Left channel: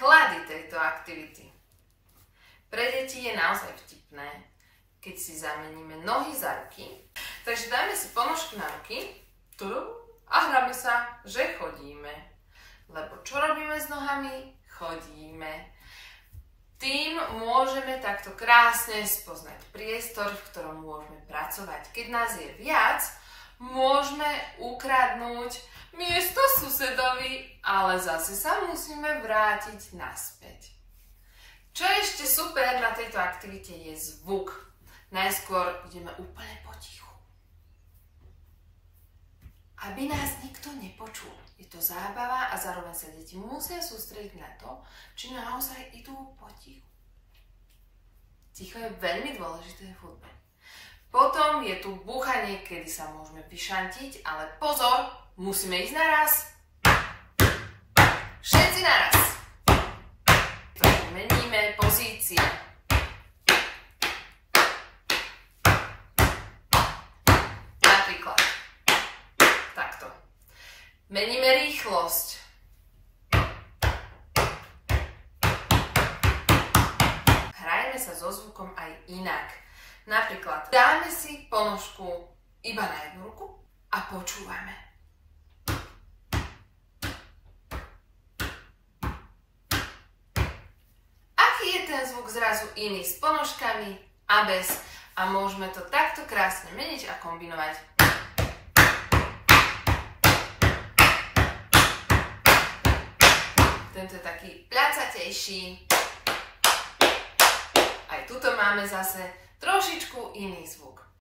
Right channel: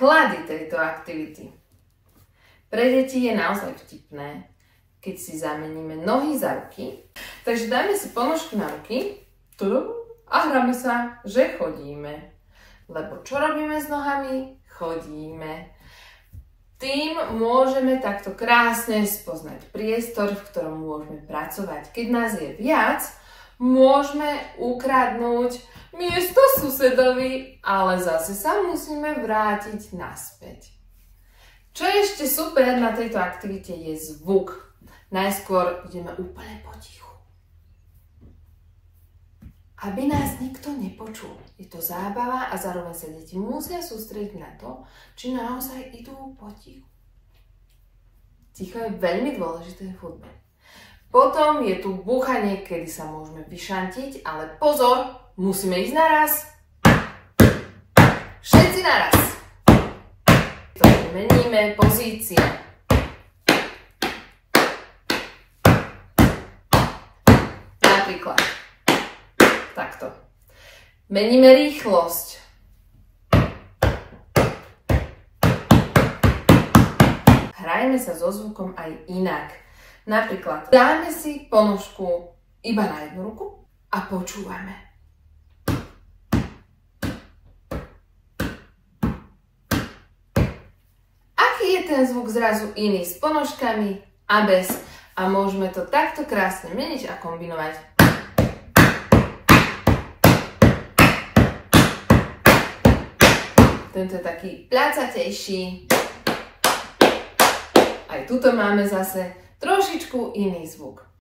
klady tejto aktivity. Pre deti je naozaj vtipné, keď si zameníme nohy za ruky. Takže dajme si ponožku na ruky a hráme sa, že chodíme. Lebo čo robíme s nohami? Chodíme. Tým môžeme takto krásne spoznať priestor, v ktorom môžeme pracovať. Keď nás je viac, môžeme ukradnúť miesto susedovi, ale zase sa musíme vrátiť naspäť. Čo je ešte super na tejto aktivite je zvuk. Najskôr ideme úplne potichu. Aby nás nikto nepočul. Je to zábava a zároveň sa deti musia sústrediť na to, či naozaj idú potichu. Ticho je veľmi dôležité v hudbe. Potom je tu búchanie, kedy sa môžeme vyšantiť, ale pozor, musíme ísť naraz. Všetci naraz. Meníme pozície. Napríklad takto. Meníme rýchlosť. Hrajme sa so zvukom aj inak. Napríklad dáme si ponožku iba na jednu ruku a počúvame. Je ten zvuk zrazu iný s ponožkami a bez. A môžeme to takto krásne meniť a kombinovať. Tento je taký pľacatejší. Aj tuto máme zase trošičku iný zvuk.